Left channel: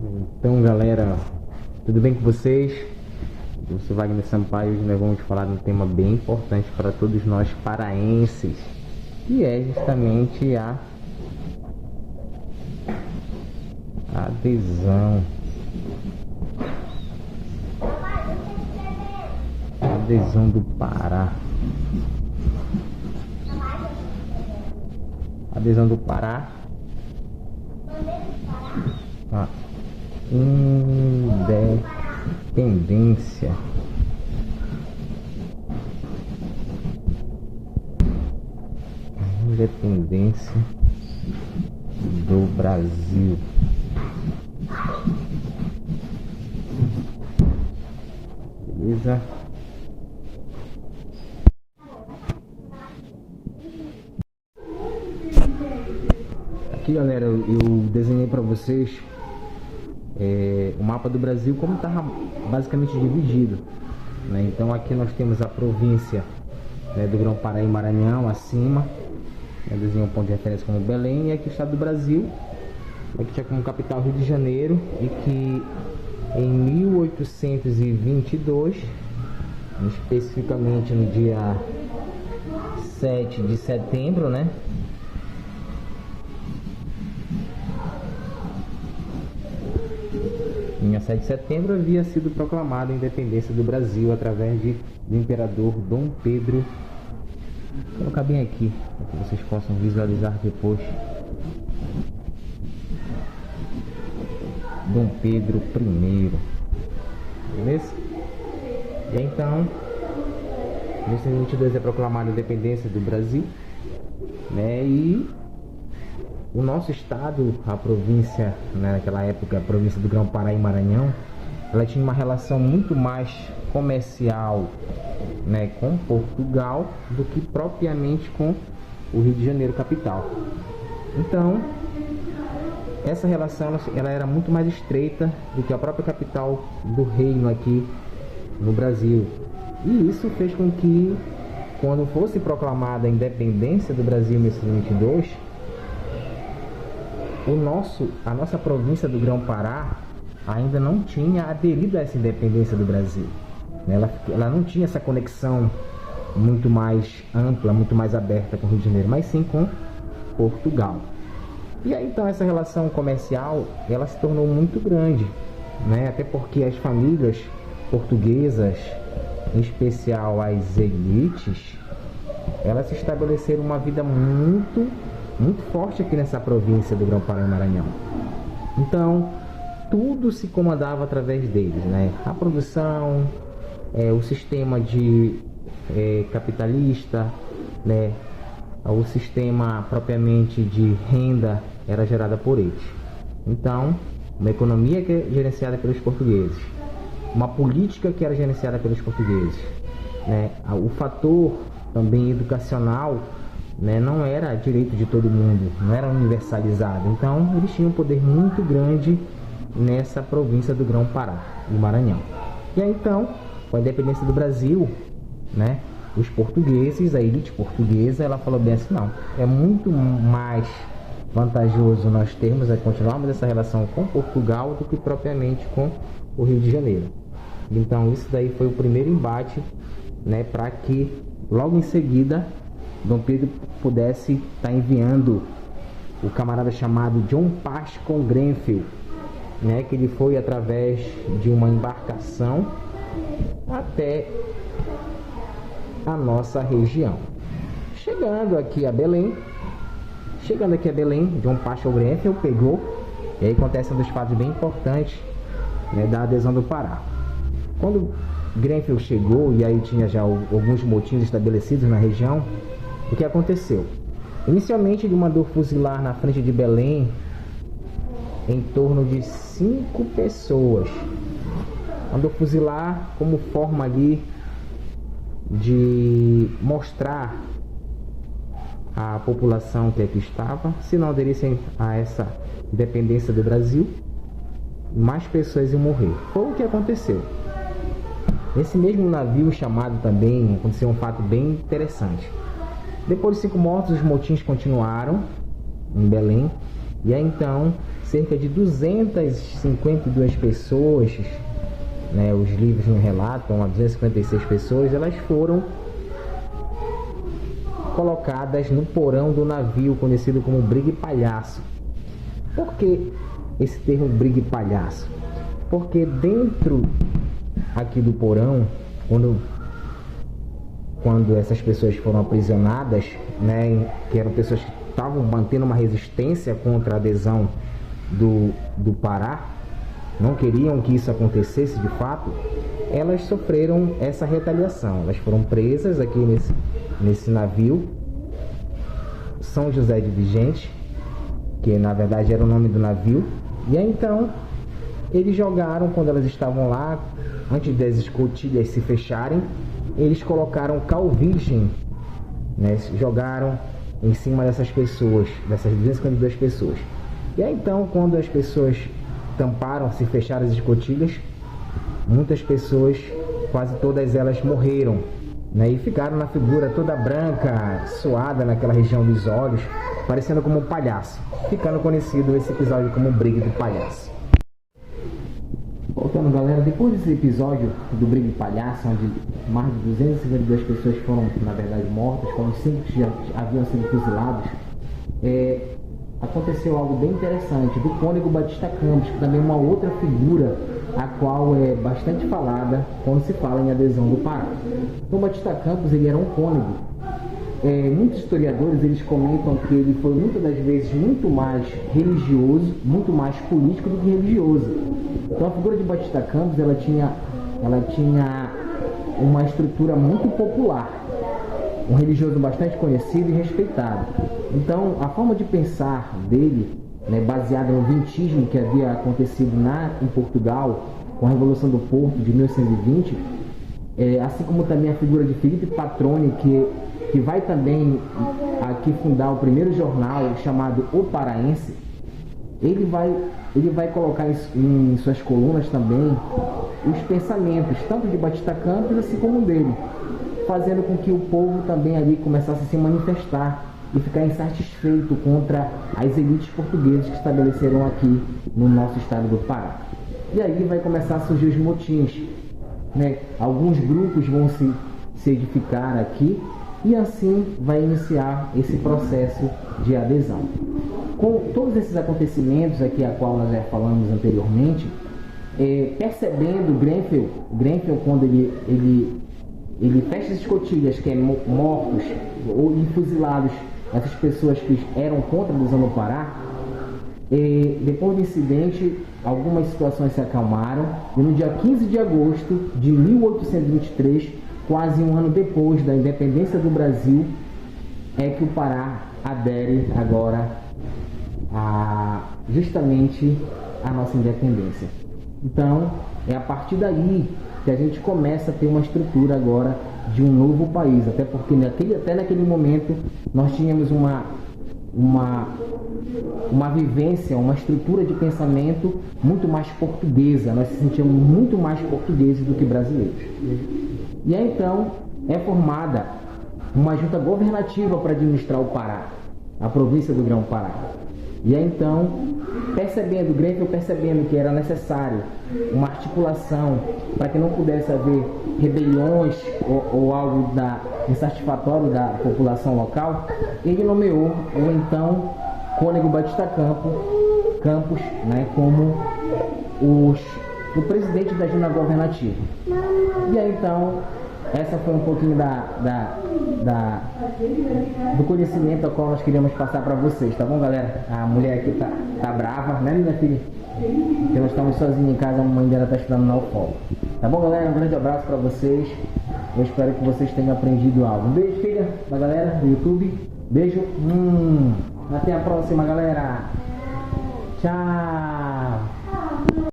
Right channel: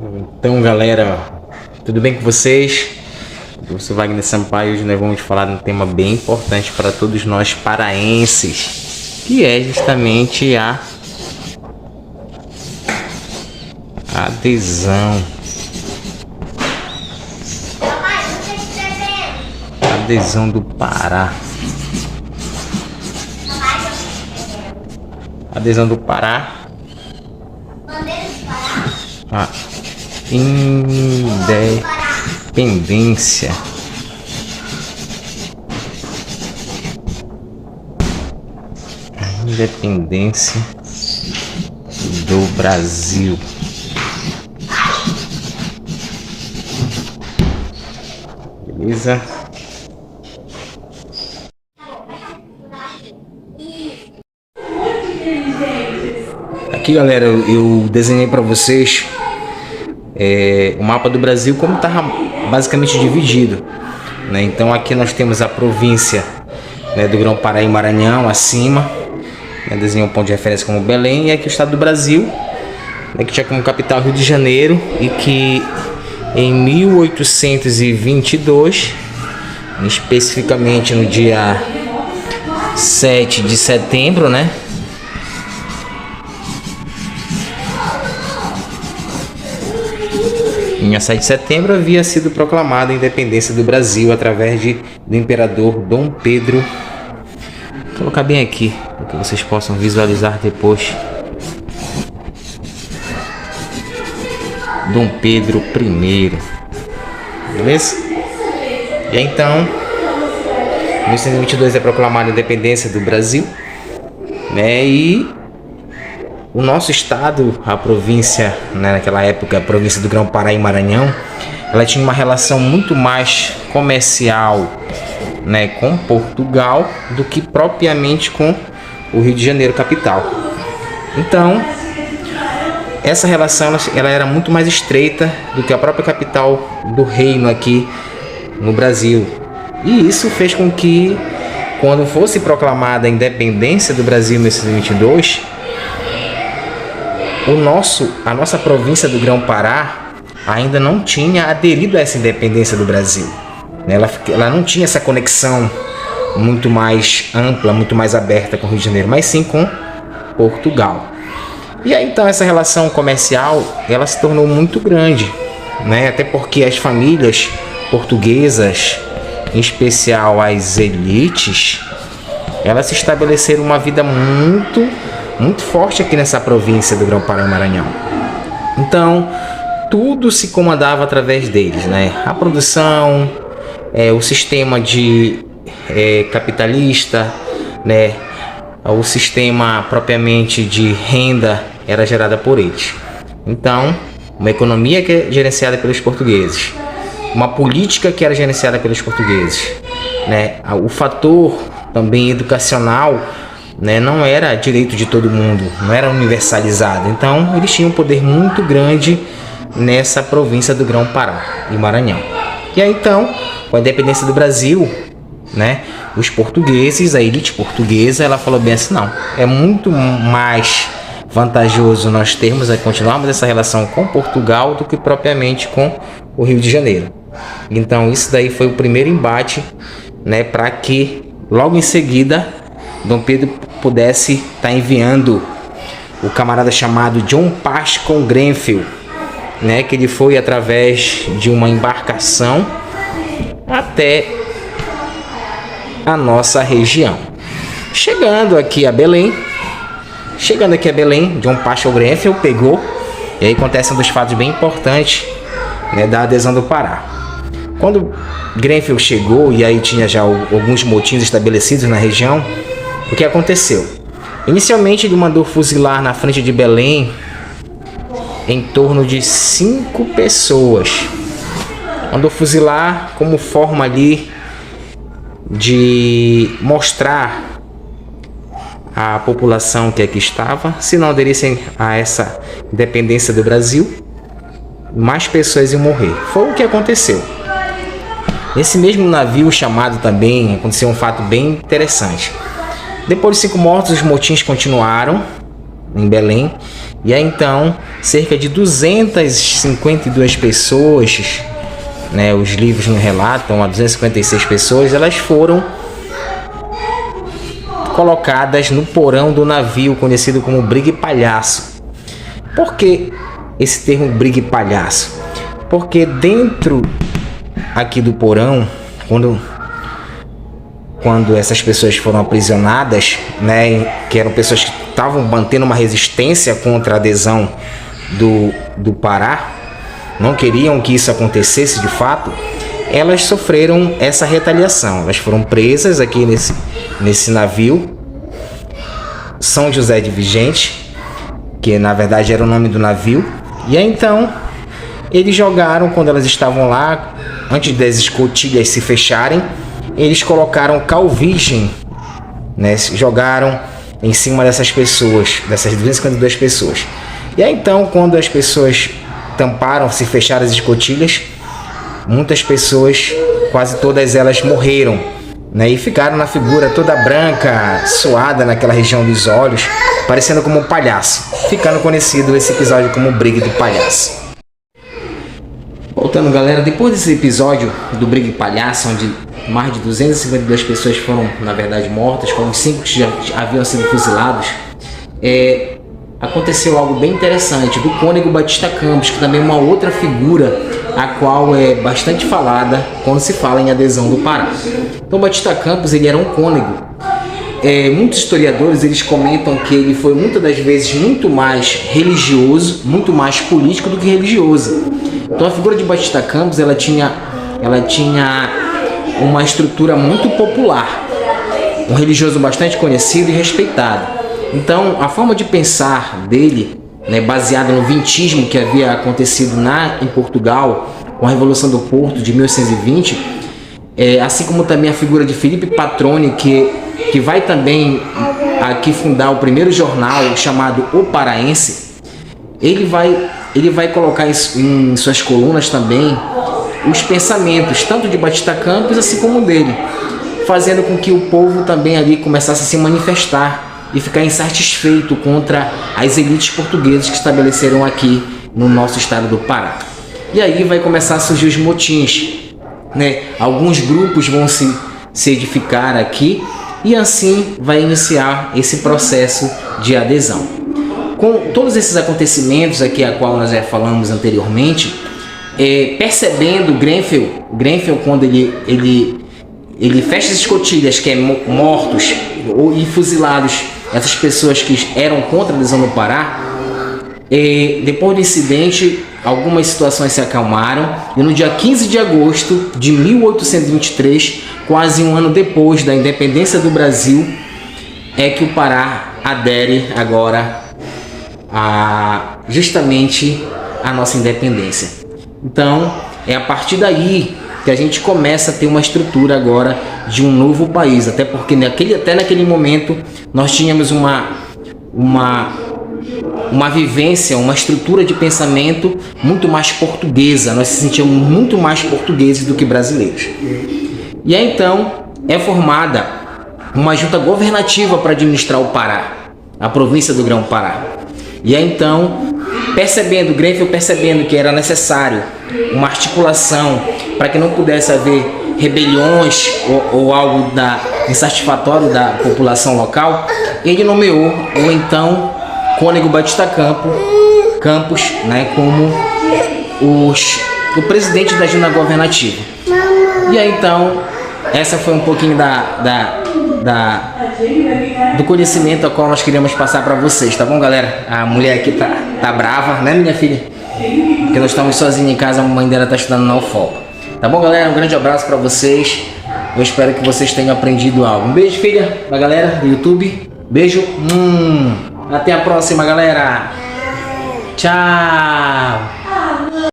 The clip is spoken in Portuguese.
Então, galera, tudo bem com vocês? Eu sou Wagner Sampaio e hoje nós vamos falar de um tema bem importante para todos nós paraenses, que é justamente a adesão. Adesão do Pará. Adesão do Pará. A independência. Independência do Brasil. Beleza? Aqui, galera, eu desenhei para vocês o mapa do Brasil como está basicamente dividido, né? Então aqui nós temos a província, né, do Grão-Pará e Maranhão acima, né? Desenhei um ponto de referência como Belém, e aqui o estado do Brasil, né, que tinha como capital Rio de Janeiro, e que em 1822, especificamente no dia 7 de setembro, né? Em 7 de setembro havia sido proclamada a independência do Brasil através do imperador Dom Pedro. Vou colocar bem aqui para que vocês possam visualizar depois. Dom Pedro I. Beleza? E então, em 1822 é proclamada a independência do Brasil, né? E o nosso estado, a província, né, naquela época, a província do Grão-Pará e Maranhão, ela tinha uma relação muito mais comercial, né, com Portugal do que propriamente com o Rio de Janeiro, capital. Então, essa relação ela era muito mais estreita do que a própria capital do reino aqui no Brasil. E isso fez com que, quando fosse proclamada a independência do Brasil em 1922, a nossa província do Grão-Pará ainda não tinha aderido a essa independência do Brasil. Ela não tinha essa conexão muito mais ampla, muito mais aberta com o Rio de Janeiro, mas sim com Portugal. E aí então essa relação comercial ela se tornou muito grande, né? Até porque as famílias portuguesas, em especial as elites, elas se estabeleceram uma vida muito forte aqui nessa província do Grão-Pará e Maranhão. Então, tudo se comandava através deles, né? A produção, o sistema capitalista, né? O sistema propriamente de renda era gerada por eles. Então, uma economia que é gerenciada pelos portugueses, uma política que era gerenciada pelos portugueses, né? O fator também educacional, né, não era direito de todo mundo, não era universalizado. Então eles tinham um poder muito grande nessa província do Grão-Pará e Maranhão. E aí então, com a independência do Brasil, né, os portugueses, a elite portuguesa, ela falou bem assim: não, é muito mais vantajoso nós continuarmos essa relação com Portugal do que propriamente com o Rio de Janeiro. Então isso daí foi o primeiro embate, né, para que logo em seguida Dom Pedro pudesse estar enviando o camarada chamado John Pascoe Grenfell, né, que ele foi através de uma embarcação até a nossa região. Chegando aqui a Belém, John Pascoe Grenfell pegou, e aí acontece um dos fatos bem importantes, né, da adesão do Pará. Quando Grenfell chegou, e aí tinha já alguns motins estabelecidos na região, o que aconteceu? Inicialmente ele mandou fuzilar na frente de Belém em torno de 5 pessoas. Mandou fuzilar como forma ali de mostrar à população que aqui estava, se não aderissem a essa independência do Brasil, mais pessoas iam morrer. Foi o que aconteceu. Nesse mesmo navio chamado também aconteceu um fato bem interessante. Depois de 5 mortos, os motins continuaram em Belém, E aí então, cerca de 252 pessoas, né, os livros nos relatam, a 256 pessoas, elas foram colocadas no porão do navio, conhecido como Brigue Palhaço. Por que esse termo Brigue Palhaço? Porque dentro aqui do porão, quando essas pessoas foram aprisionadas, né, que eram pessoas que estavam mantendo uma resistência contra a adesão do Pará, não queriam que isso acontecesse de fato, elas sofreram essa retaliação. Elas foram presas aqui nesse navio, São José de Vigente, que na verdade era o nome do navio. E aí então eles jogaram, quando elas estavam lá, antes das escotilhas se fecharem, eles colocaram cal virgem, né? Jogaram em cima dessas pessoas, dessas 252 pessoas. E aí então, quando as pessoas tamparam, se fecharam as escotilhas, muitas pessoas, quase todas elas morreram, né? E ficaram na figura toda branca, suada naquela região dos olhos, parecendo como um palhaço, ficando conhecido esse episódio como o Brigue do Palhaço. Voltando, galera, depois desse episódio do Brigue Palhaço, onde mais de 252 pessoas foram, na verdade, mortas, foram 5 que já haviam sido fuzilados, aconteceu algo bem interessante do Cônego Batista Campos, que também é uma outra figura a qual é bastante falada quando se fala em adesão do Pará. Então, Batista Campos, ele era um cônego. Muitos historiadores, eles comentam que ele foi muitas das vezes muito mais religioso, muito mais político do que religioso. Então a figura de Batista Campos, ela tinha uma estrutura muito popular, um religioso bastante conhecido e respeitado. Então a forma de pensar dele, né, baseada no vintismo que havia acontecido em Portugal com a Revolução do Porto de 1820, assim como também a figura de Felipe Patroni, que vai também aqui fundar o primeiro jornal chamado O Paraense. Ele vai colocar em suas colunas também os pensamentos, tanto de Batista Campos assim como dele, fazendo com que o povo também ali começasse a se manifestar e ficar insatisfeito contra as elites portuguesas que estabeleceram aqui no nosso estado do Pará. E aí vai começar a surgir os motins, né? Alguns grupos vão se edificar aqui e assim vai iniciar esse processo de adesão. Com todos esses acontecimentos aqui a qual nós já falamos anteriormente, percebendo Grenfell quando ele fecha as escotilhas, que é mortos e fuzilados essas pessoas que eram contra a adesão do Pará, depois do incidente algumas situações se acalmaram e no dia 15 de agosto de 1823, quase um ano depois da independência do Brasil, é que o Pará adere agora justamente a nossa independência. Então é a partir daí que a gente começa a ter uma estrutura agora de um novo país, até porque até naquele momento nós tínhamos uma vivência, uma estrutura de pensamento muito mais portuguesa, nós se sentíamos muito mais portugueses do que brasileiros. E aí então é formada uma junta governativa para administrar o Pará, a província do Grão-Pará. E aí então, Grenfell percebendo que era necessário uma articulação para que não pudesse haver rebeliões ou algo insatisfatório da população local, ele nomeou o então Cônego Batista Campos, né, como o presidente da junta governativa. E aí então, essa foi um pouquinho do conhecimento a qual nós queríamos passar para vocês, tá bom, galera? A mulher aqui tá brava, né, minha filha? Porque nós estamos sozinhos em casa, a mãe dela tá estudando na UFOL. Tá bom, galera? Um grande abraço para vocês. Eu espero que vocês tenham aprendido algo. Um beijo, filha, da galera do YouTube. Beijo. Até a próxima, galera. Tchau.